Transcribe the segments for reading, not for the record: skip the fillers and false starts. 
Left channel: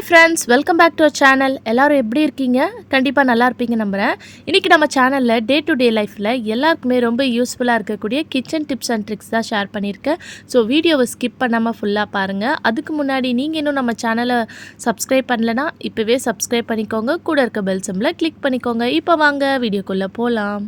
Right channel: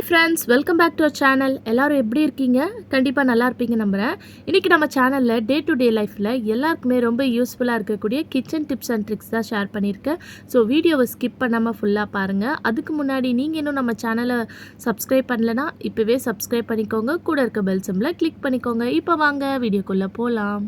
Hi friends, welcome back to our channel. எல்லோரும் எப்படி இருக்கீங்க? கண்டிப்பாக நல்லா இருப்பீங்க நம்புகிறேன். இன்றைக்கி நம்ம சேனலில் டே டு டே லைஃப்பில் எல்லாருக்குமே ரொம்ப யூஸ்ஃபுல்லாக இருக்கக்கூடிய கிச்சன் டிப்ஸ் அண்ட் ட்ரிக்ஸ் தான் ஷேர் பண்ணியிருக்கேன். ஸோ வீடியோவை ஸ்கிப் பண்ணாமல் ஃபுல்லாக பாருங்கள். அதுக்கு முன்னாடி நீங்கள் இன்னும் நம்ம சேனலை சப்ஸ்கிரைப் பண்ணலைன்னா இப்போவே சப்ஸ்கிரைப் பண்ணிக்கோங்க. கூட இருக்க பெல் சிம்பிளை கிளிக் பண்ணிக்கோங்க. இப்போ வாங்க வீடியோக்குள்ளே போகலாம்.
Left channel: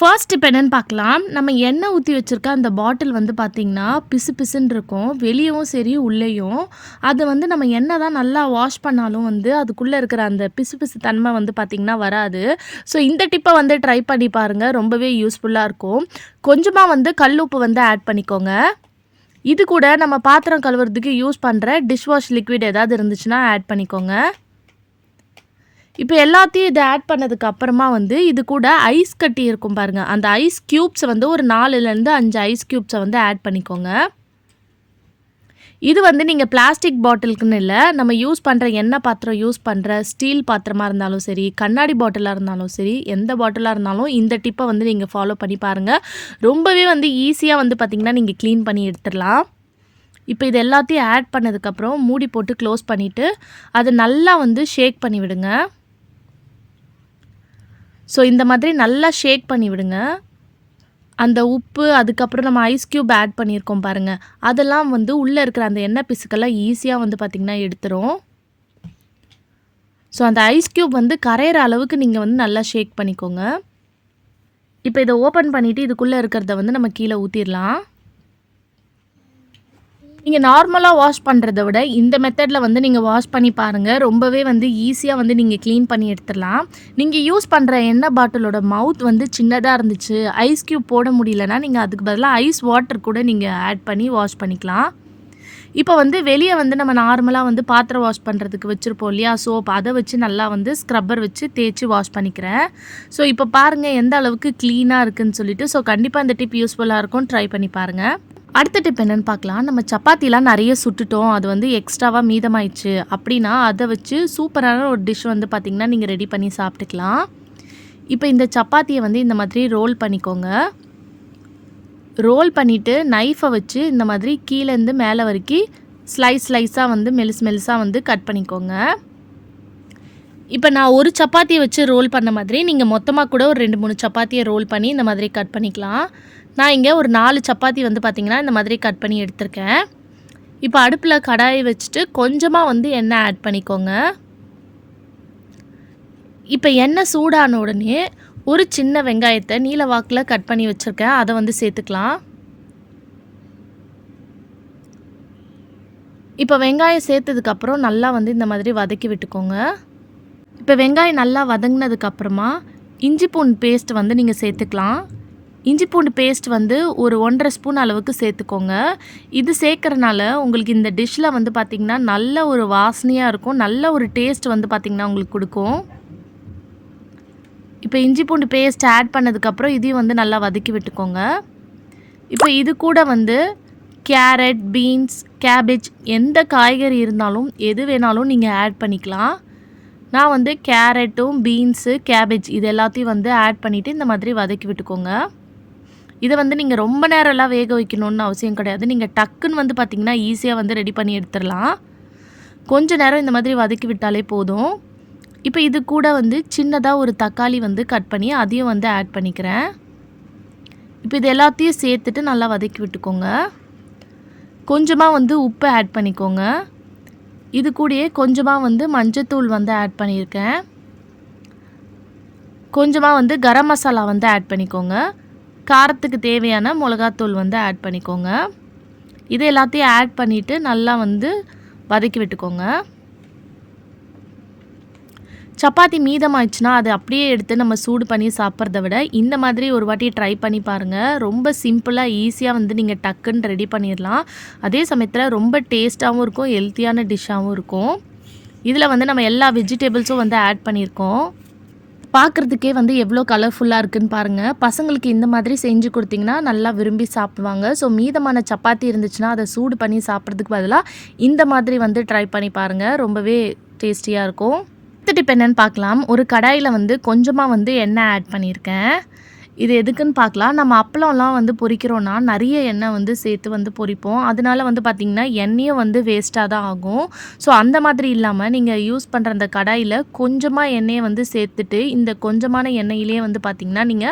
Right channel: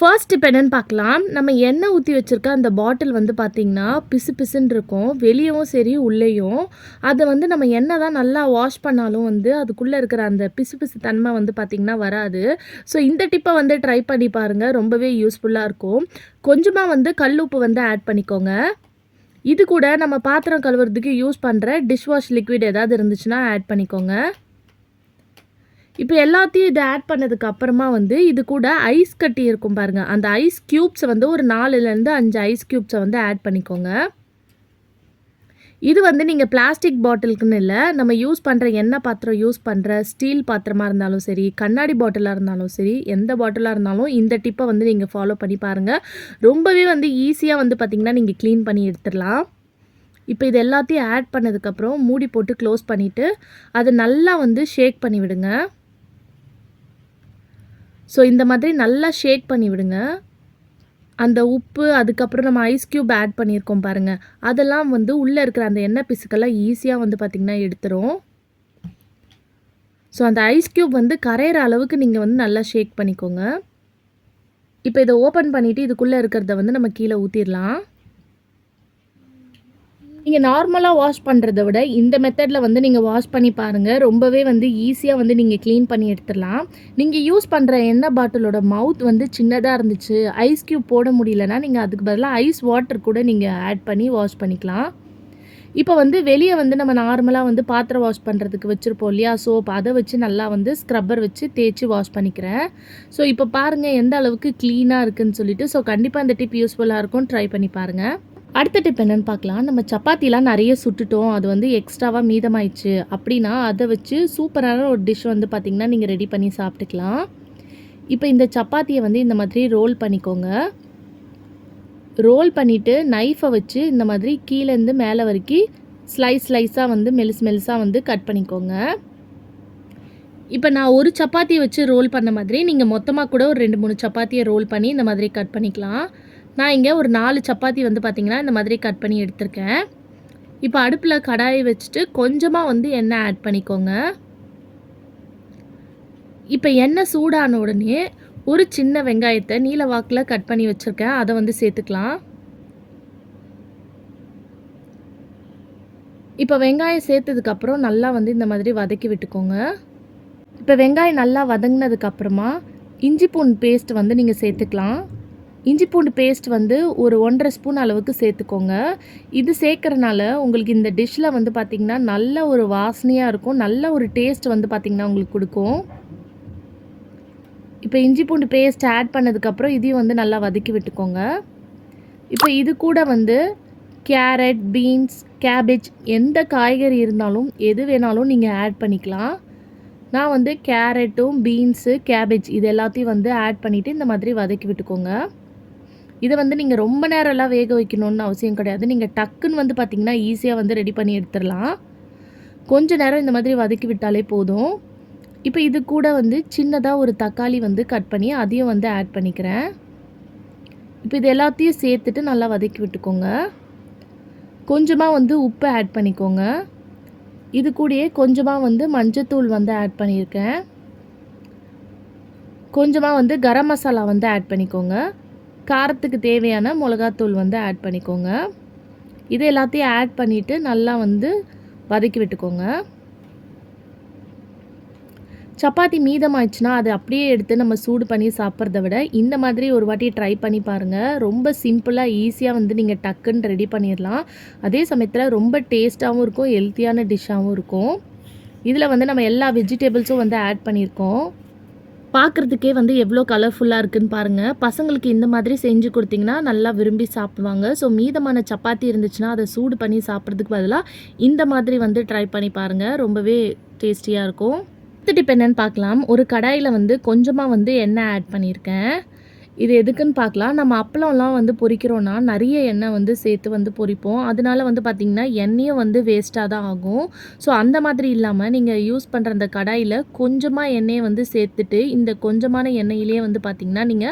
ஃபர்ஸ்ட் இப்போ என்னென்னு பார்க்கலாம். நம்ம எண்ணெய் ஊற்றி வச்சுருக்க அந்த பாட்டில் வந்து பார்த்திங்கன்னா பிசு பிசுன்னு இருக்கும், வெளியும் சரி உள்ளேயும். அதை வந்து நம்ம எண்ணெய் தான் நல்லா வாஷ் பண்ணாலும் வந்து அதுக்குள்ளே இருக்கிற அந்த பிசு பிசு தன்மை வந்து பார்த்திங்கன்னா வராது. ஸோ இந்த டிப்பை வந்து ட்ரை பண்ணி பாருங்கள், ரொம்பவே யூஸ்ஃபுல்லாக இருக்கும். கொஞ்சமாக வந்து கல் உப்பு வந்து ஆட் பண்ணிக்கோங்க. இது கூட நம்ம பாத்திரம் கழுவுறதுக்கு யூஸ் பண்ணுற டிஷ்வாஷ் லிக்விட் ஏதாவது இருந்துச்சுன்னா ஆட் பண்ணிக்கோங்க. இப்போ எல்லாத்தையும் இதை ஆட் பண்ணதுக்கு அப்புறமா வந்து இது கூட ஐஸ் கட்டி இருக்கும் பாருங்கள், அந்த ஐஸ் க்யூப்ஸை வந்து ஒரு 4லேருந்து 5 ஐஸ் க்யூப்ஸை வந்து ஆட் பண்ணிக்கோங்க. இது வந்து நீங்கள் பிளாஸ்டிக் பாட்டிலுக்குன்னு இல்லை, நம்ம யூஸ் பண்ணுற எண்ணெய் பாத்திரம் யூஸ் பண்ணுற ஸ்டீல் பாத்திரமாக இருந்தாலும் சரி, கண்ணாடி பாட்டிலாக இருந்தாலும் சரி, எந்த பாட்டிலாக இருந்தாலும் இந்த டிப்பை வந்து நீங்கள் ஃபாலோ பண்ணி பாருங்கள். ரொம்பவே வந்து ஈஸியாக வந்து பார்த்திங்கன்னா நீங்கள் க்ளீன் பண்ணி எடுத்துடலாம். இப்போ இது எல்லாத்தையும் ஆட் பண்ணதுக்கப்புறம் மூடி போட்டு க்ளோஸ் பண்ணிவிட்டு அதை நல்லா வந்து ஷேக் பண்ணி விடுங்க. ஸோ இந்த மாதிரி நல்லா ஷேக் பண்ணி விடுங்க. அந்த உப்பு, அதுக்கப்புறம் நம்ம ஐஸ் க்யூப் ஆட் பண்ணியிருக்கோம் பாருங்கள், அதெல்லாம் வந்து உள்ளே இருக்கிற அந்த எண்ணெய் பிசுக்கெல்லாம் ஈஸியாக வந்து பார்த்திங்கன்னா எடுத்துரும். ஸோ அந்த ஐஸ் க்யூப் வந்து கரையிற அளவுக்கு நீங்கள் வந்து நல்லா ஷேக் பண்ணிக்கோங்க. இப்போ இதை ஓப்பன் பண்ணிவிட்டு இதுக்குள்ளே இருக்கிறத வந்து நம்ம கீழே ஊற்றிடலாம். நீங்கள் நார்மலாக வாஷ் பண்ணுறத விட இந்த மெத்தடில் வந்து நீங்கள் வாஷ் பண்ணி பாருங்கள். ரொம்பவே வந்து ஈஸியாக வந்து நீங்கள் க்ளீன் பண்ணி எடுத்துடலாம். நீங்கள் யூஸ் பண்ணுற எண்ணெய் பாட்டிலோட மவுத் வந்து சின்னதாக இருந்துச்சு, ஐஸ் க்யூப் போட முடியலன்னா நீங்கள் அதுக்கு பதிலாக ஐஸ் வாட்டர் கூட நீங்கள் ஆட் பண்ணி வாஷ் பண்ணிக்கலாம். இப்போ வந்து வெளியே வந்து நம்ம நார்மலாக வந்து பாத்திரம் வாஷ் பண்ணுறதுக்கு வச்சுருப்போம் இல்லையா, சோப், அதை வச்சு நல்லா வந்து ஸ்க்ரப்பர் வச்சு தேய்ச்சி வாஷ் பண்ணிக்கிறேன். ஸோ இப்போ பாருங்கள் எந்த அளவுக்கு க்ளீனாக இருக்குதுன்னு சொல்லிட்டு. ஸோ கண்டிப்பாக இந்த டிப் யூஸ்ஃபுல்லாக இருக்கும், ட்ரை பண்ணி பாருங்கள். அடுத்த டிப் என்னென்னு பார்க்கலாம். நம்ம சப்பாத்திலாம் நிறைய சுட்டுட்டோம், அது வந்து எக்ஸ்ட்ராவாக மீதமாயிடுச்சு அப்படின்னா அதை வச்சு சூப்பரான ஒரு டிஷ் வந்து பார்த்திங்கன்னா நீங்கள் ரெடி பண்ணி சாப்பிட்டுக்கலாம். இப்போ இந்த சப்பாத்தியை வந்து இந்த மாதிரி ரோல் பண்ணிக்கோங்க. ரோல் பண்ணிவிட்டு நைஃபை வச்சு இந்த மாதிரி கீழேருந்து மேலே வரைக்கும் ஸ்லைஸாக வந்து மெலிசாக வந்து கட் பண்ணிக்கோங்க. இப்போ நான் ஒரு சப்பாத்தியை வச்சு ரோல் பண்ண மாதிரி நீங்கள் மொத்தமாக கூட ஒரு 2-3 சப்பாத்தியை ரோல் பண்ணி இந்த மாதிரி கட் பண்ணிக்கலாம். நான் இங்கே ஒரு 4 சப்பாத்தி வந்து பார்த்திங்கன்னா இந்த மாதிரி கட் பண்ணி எடுத்திருக்கேன். இப்போ அடுப்பில் கடாயை வச்சுட்டு கொஞ்சமாக வந்து எண்ணெய் ஆட் பண்ணிக்கோங்க. இப்போ எண்ணெய் சூடான உடனே ஒரு சின்ன வெங்காயத்தை நீல வாக்கில் கட் பண்ணி வச்சுருக்கேன், அதை வந்து சேர்த்துக்கலாம். இப்போ வெங்காயம் சேர்த்ததுக்கப்புறம் நல்லா வந்து இந்த மாதிரி வதக்கி விட்டுக்கோங்க. இப்போ வெங்காயம் நல்லா வதங்கினதுக்கப்புறமா இஞ்சி பூண்டு பேஸ்ட் வந்து நீங்கள் சேர்த்துக்கலாம். இஞ்சி பூண்டு பேஸ்ட் வந்து ஒரு 1.5 ஸ்பூன் அளவுக்கு சேர்த்துக்கோங்க. இது சேர்க்குறனால உங்களுக்கு இந்த டிஷ்ஷில் வந்து பார்த்திங்கன்னா நல்ல ஒரு வாசனையாக இருக்கும், நல்ல ஒரு டேஸ்ட் வந்து பார்த்திங்கன்னா உங்களுக்கு கொடுக்கும். இப்போ இஞ்சி பூண்டு பேஸ்ட் ஆட் பண்ணதுக்கப்புறம் இதையும் வந்து நல்லா வதக்கி விட்டுக்கோங்க. இப்போ இது கூட வந்து கேரட், பீன்ஸ், கேபேஜ் எந்த காய்கறி இருந்தாலும் எது வேணாலும் நீங்கள் ஆட் பண்ணிக்கலாம். நான் வந்து கேரட்டும், பீன்ஸு, கேபேஜ் இது எல்லாத்தையும் வந்து ஆட் பண்ணிவிட்டு இந்த மாதிரி வதக்கி விட்டுக்கோங்க. இதை வந்து நீங்கள் ரொம்ப நேரம்லாம் வேக வைக்கணுன்னு அவசியம் கிடையாது. நீங்கள் டக்குன்னு வந்து பார்த்திங்கன்னா ஈஸியாக வந்து ரெடி பண்ணி எடுத்துடலாம். கொஞ்சம் நேரம் இந்த மாதிரி வதக்கி விட்டாலே போதும். இப்போ இது கூட வந்து சின்னதாக ஒரு தக்காளி வந்து கட் பண்ணி அதையும் வந்து ஆட் பண்ணிக்கிறேன். இப்போ இது எல்லாத்தையும் சேர்த்துட்டு நல்லா வதக்கி விட்டுக்கோங்க. கொஞ்சமாக வந்து உப்பு ஆட் பண்ணிக்கோங்க. இது கூடயே கொஞ்சமாக வந்து மஞ்சத்தூள் வந்து ஆட் பண்ணியிருக்கேன். கொஞ்சமாக வந்து கரம் மசாலா வந்து ஆட் பண்ணிக்கோங்க. காரத்துக்கு தேவையான மிளகாத்தூள் வந்து ஆட் பண்ணிக்கோங்க. இது எல்லாத்தையும் ஆட் பண்ணிவிட்டு நல்லா வந்து வதக்கி விட்டுக்கோங்க. சப்பாத்தி மீதமாயிடுச்சுன்னா அதை அப்படியே எடுத்து நம்ம சூடு பண்ணி சாப்பிட்றத விட இந்த மாதிரி ஒரு வாட்டி ட்ரை பண்ணி பாருங்கள். ரொம்ப சிம்பிளாக ஈஸியாக வந்து நீங்கள் டக்குன்னு ரெடி பண்ணிடலாம். அதே சமயத்தில் ரொம்ப டேஸ்ட்டாகவும் இருக்கும், ஹெல்த்தியான டிஷ்ஷாகவும் இருக்கும். இதில் வந்து நம்ம எல்லா வெஜிடபிள்ஸும் வந்து ஆட் பண்ணியிருக்கோம். பார்க்குறதுக்கே வந்து எவ்வளோ கலர்ஃபுல்லாக இருக்குதுன்னு பாருங்கள். பசங்களுக்கு இந்த மாதிரி செஞ்சு கொடுத்திங்கன்னா நல்லா விரும்பி சாப்பிடுவாங்க. ஸோ மீதமான சப்பாத்தி இருந்துச்சுன்னா அதை சூடு பண்ணி சாப்பிட்றதுக்கு பதிலாக இந்த மாதிரி வந்து ட்ரை பண்ணி பாருங்கள், ரொம்பவே டேஸ்டியாக இருக்கும். அடுத்த டிப் என்னென்னு பார்க்கலாம். ஒரு கடாயில் வந்து கொஞ்சமாக வந்து எண்ணெய் ஆட் பண்ணியிருக்கேன். இது எதுக்குன்னு பார்க்கலாம். நம்ம அப்பளம்லாம் வந்து பொரிக்கிறோம்னா, நெறைய எண்ணெய் வந்து சேர்த்து வந்து பொரிப்போம். அதனால வந்து பார்த்திங்கன்னா, எண்ணெயும் வந்து வேஸ்ட்டா தான் ஆகும். ஸோ அந்த மாதிரி இல்லாம, நீங்க யூஸ் பண்ற அந்த கடாயில கொஞ்சமா எண்ணெய வந்து சேர்த்துட்டு, இந்த கொஞ்சமான எண்ணெயிலேயே வந்து பார்த்திங்கன்னா, நீங்க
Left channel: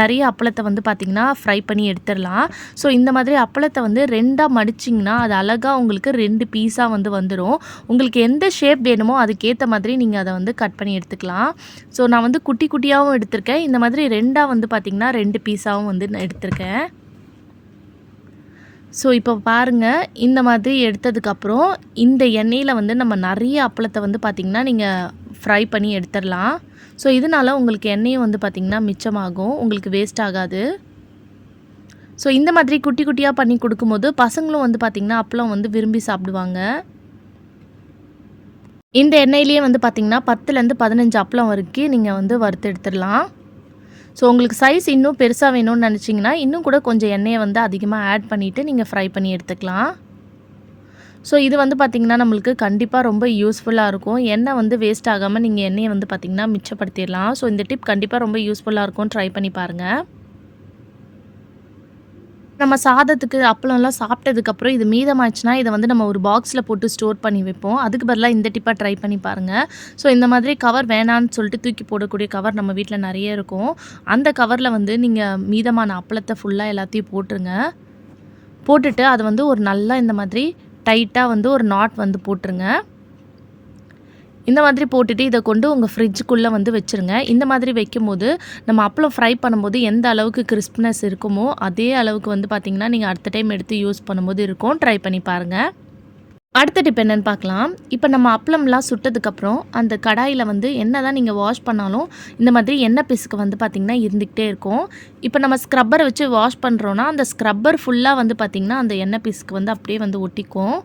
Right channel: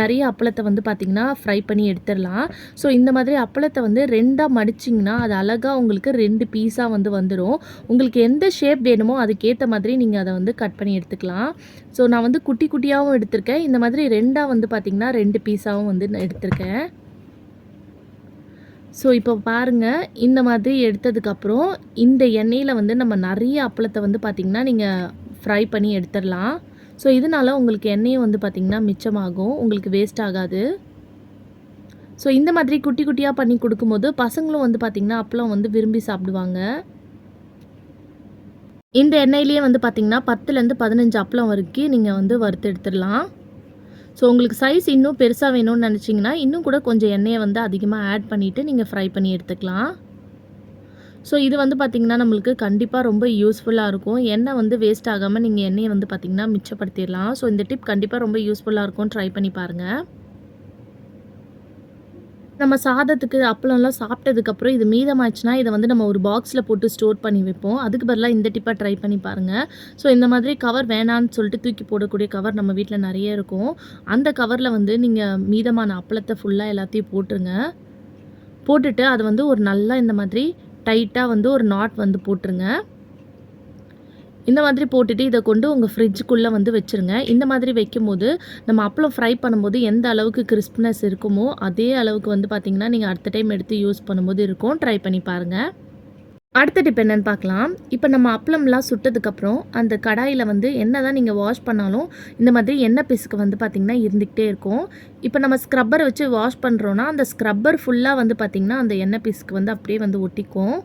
நெறைய அப்பளத்த வந்து பார்த்திங்கன்னா, ஃப்ரை பண்ணி எடுத்துரலாம். ஸோ இந்த மாதிரி அப்பளத்த வந்து 2ஆ மடிச்சிங்கன்னா, அது அழகா உங்களுக்கு 2 பீஸா வந்து வந்துரும். உங்களுக்கு எந்த ஷேப் வேணுமோ, அதுக்கேத்த மாதிரி நீங்க அத வந்து கட் பண்ணி எடுத்துக்கலாம். ஸோ நான் வந்து குட்டி குட்டியாவும் எடுத்திருக்கேன். இந்த மாதிரி 2ஆ வந்து பார்த்திங்கன்னா 2 பீஸாவும் வந்து நான் எடுத்திருக்கேன். ஸோ இப்போ பாருங்கள், இந்த மாதிரி எடுத்ததுக்கப்புறம் இந்த எண்ணெயில் வந்து நம்ம நிறைய அப்பளத்தை வந்து பார்த்திங்கன்னா நீங்கள் ஃப்ரை பண்ணி எடுத்துடலாம். ஸோ இதனால் உங்களுக்கு எண்ணெயும் வந்து பார்த்திங்கன்னா மிச்சமாகும், உங்களுக்கு வேஸ்ட் ஆகாது. ஸோ இந்த மாதிரி குட்டி குட்டியாக பண்ணி கொடுக்கும்போது பசங்களும் வந்து பார்த்திங்கன்னா அப்பளம் வந்து விரும்பி சாப்பிடுவாங்க. இந்த எண்ணெயிலேயே வந்து பார்த்திங்கன்னா 10லேருந்து 15 அப்பளம் வரைக்கும் நீங்கள் வந்து வறுத்து எடுத்துடலாம். ஸோ உங்களுக்கு சைஸ் இன்னும் பெருசாக வேணும்னு நினச்சிங்கன்னா இன்னும் கூட கொஞ்சம் எண்ணெயை வந்து அதிகமாக ஆட் பண்ணிவிட்டு நீங்கள் ஃப்ரை பண்ணி எடுத்துக்கலாம். ஸோ இது வந்து பார்த்திங்கன்னா நம்மளுக்கு கண்டிப்பாக ரொம்ப யூஸ்ஃபுல்லாக இருக்கும். எண்ணெய் வந்து வேஸ்ட் ஆகாமல் நீங்கள் எண்ணெயை வந்து பார்த்திங்கன்னா மிச்சப்படுத்திடலாம். ஸோ இந்த டிப் கண்டிப்பாக ரொம்ப யூஸ்ஃபுல்லாக இருக்கும், ட்ரை பண்ணி பாருங்கள். நம்ம சாதத்துக்கு அப்பளம்லாம் சாப்பிட்டதுக்கப்புறம் இது மீதமாச்சுன்னா இதை வந்து நம்ம ஒரு பாக்ஸில் போட்டு ஸ்டோர் பண்ணி வைப்போம். அதுக்கு பதிலாக இந்த டிப்பாக ட்ரை பண்ணி பாருங்கள். ஸோ இந்த மாதிரி கவர் வேணான்னு சொல்லிட்டு தூக்கி போடக்கூடிய கவர் நம்ம வீட்டில் நிறைய இருக்கும். அந்த கவரில் வந்து நீங்கள் மீதமான அப்பளத்தை ஃபுல்லாக எல்லாத்தையும் போட்டுருங்க. போட்டுட்டு அது வந்து ஒரு நல்லா இந்த மாதிரி டைட்டாக வந்து ஒரு நாட் வந்து போட்டுருங்க. இந்த மாதிரி போட்டுட்டு இதை கொண்டு உங்கள் ஃப்ரிட்ஜுக்குள்ளே வந்து வச்சுருங்க. இந்த மாதிரி வைக்கும்போது நம்ம அப்பளம் ஃப்ரை பண்ணும்போது எந்த அளவுக்கு கிறிஸ்ப்னஸ் இருக்குமோ அதே அளவுக்கு வந்து பார்த்திங்கன்னா நீங்கள் அடுத்த டைம் எடுத்து யூஸ் பண்ணும்போது இருக்கும். ட்ரை பண்ணி பாருங்கள். அடுத்த டிப் என்னென்னு பார்க்கலாம். இப்போ நம்ம அப்பளம்லாம் சுட்டதுக்கப்புறம் அந்த கடாயில் வந்து என்ன தான் நீங்கள் வாஷ் பண்ணாலும் இந்த மாதிரி எண்ணெய் பிசுக்கு வந்து பார்த்திங்கன்னா இருந்துக்கிட்டே இருக்கும். இப்போ நம்ம ஸ்க்ரப்பரை வச்சு வாஷ் பண்ணுறோன்னா அந்த ஸ்க்ரப்பர் ஃபுல்லாக வந்து பார்த்திங்கன்னா அந்த எண்ணெய் பிசுக்கு வந்து அப்படியே வந்து ஒட்டிக்கும்.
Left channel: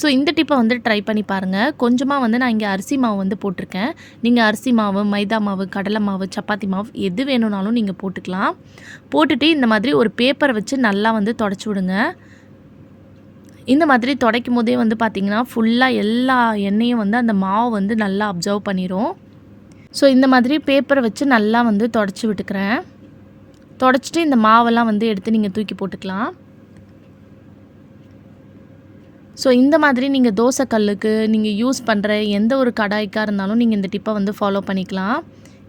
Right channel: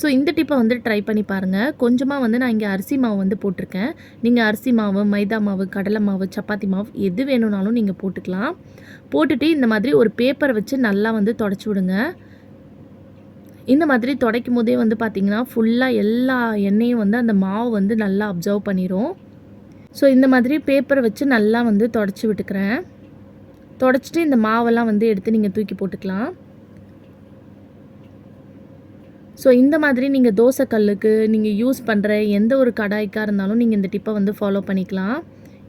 ஸோ இந்த டிப்பை வந்து ட்ரை பண்ணி பாருங்கள். கொஞ்சமாக வந்து நான் இங்கே அரிசி மாவு வந்து போட்டிருக்கேன். நீங்கள் அரிசி மாவு, மைதா மாவு, கடலை மாவு, சப்பாத்தி மாவு எது வேணும்னாலும் நீங்கள் போட்டுக்கலாம். போட்டுட்டு இந்த மாதிரி ஒரு பேப்பரை வச்சு நல்லா வந்து தொடச்சி விடுங்க. இந்த மாதிரி துடைக்கும் போதே வந்து பார்த்திங்கன்னா ஃபுல்லாக எல்லா எண்ணெயும் வந்து அந்த மாவு வந்து நல்லா அப்சர்வ் பண்ணிடும். ஸோ இந்த மாதிரி பேப்பரை வச்சு நல்லா வந்து தொடச்சி விட்டுக்கிறேன். தொடச்சிட்டு இந்த மாவெல்லாம் வந்து எடுத்து நீங்கள் தூக்கி போட்டுக்கலாம். ஸோ இந்த மாதிரி நீங்கள் தோசை கல்லுக்கு நீங்கள் யூஸ் பண்ணுற எந்த ஒரு கடாய்க்காக இருந்தாலும் நீங்கள் இந்த டிப்பை வந்து ஃபாலோ பண்ணிக்கலாம்.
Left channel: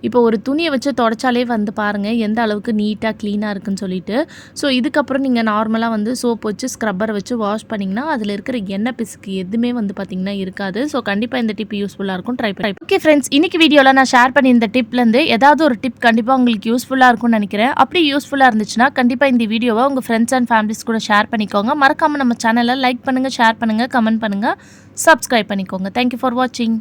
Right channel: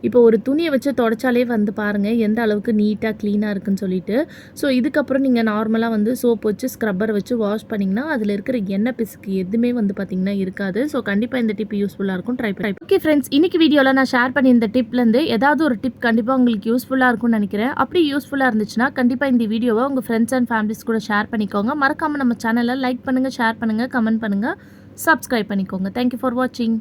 இப்போ ஒரு துணியை வச்சு தொடச்சாலே வந்து பாருங்கள் எந்த அளவுக்கு நீட்டாக க்ளீனாக இருக்குன்னு சொல்லிட்டு. ஸோ இதுக்கப்புறம் நீங்கள் நார்மலாக வந்து சோப் வச்சு ஸ்க்ரப்பர் வச்சு வாஷ் பண்ணிங்கன்னா அதில் இருக்கிற எண்ணெய் பிசுக்கு எதுவுமே வந்து பார்த்திங்கன்னா இருக்காது. ஸோ கண்டிப்பாக இந்த டிப் யூஸ்ஃபுல்லாக இருக்கும், ட்ரை பண்ணி. ஓகே ஃப்ரெண்ட்ஸ், இன்றைக்கி வீடியோவில் நான் ஷேர் பண்ணி இந்த டிப்லேருந்து ஏதாவது ஒரு டிப் கண்டிப்பாக உங்களுக்கு யூஸ்ஃபுல்லாக இருக்கும்னு நினைக்கிறேன். அப்படி யூஸ்ஃபுல்லாக இருந்துச்சுன்னா கண்டிப்பாக இந்த வீடியோவை உங்கள் ஃப்ரெண்ட்ஸ் அண்ட் ஃபேமிலிஸ் கூட ஷேர் பண்ணிக்கோங்க. மறக்காமல் நம்ம சேனலை லைக் பண்ணுங்கள், ஷேர் பண்ணுங்கள், கமெண்ட் பண்ணுங்கள், சப்ஸ்கிரைப் பண்ணிக்கோங்க. தேங்க்யூ ஃபார் வாட்சிங்.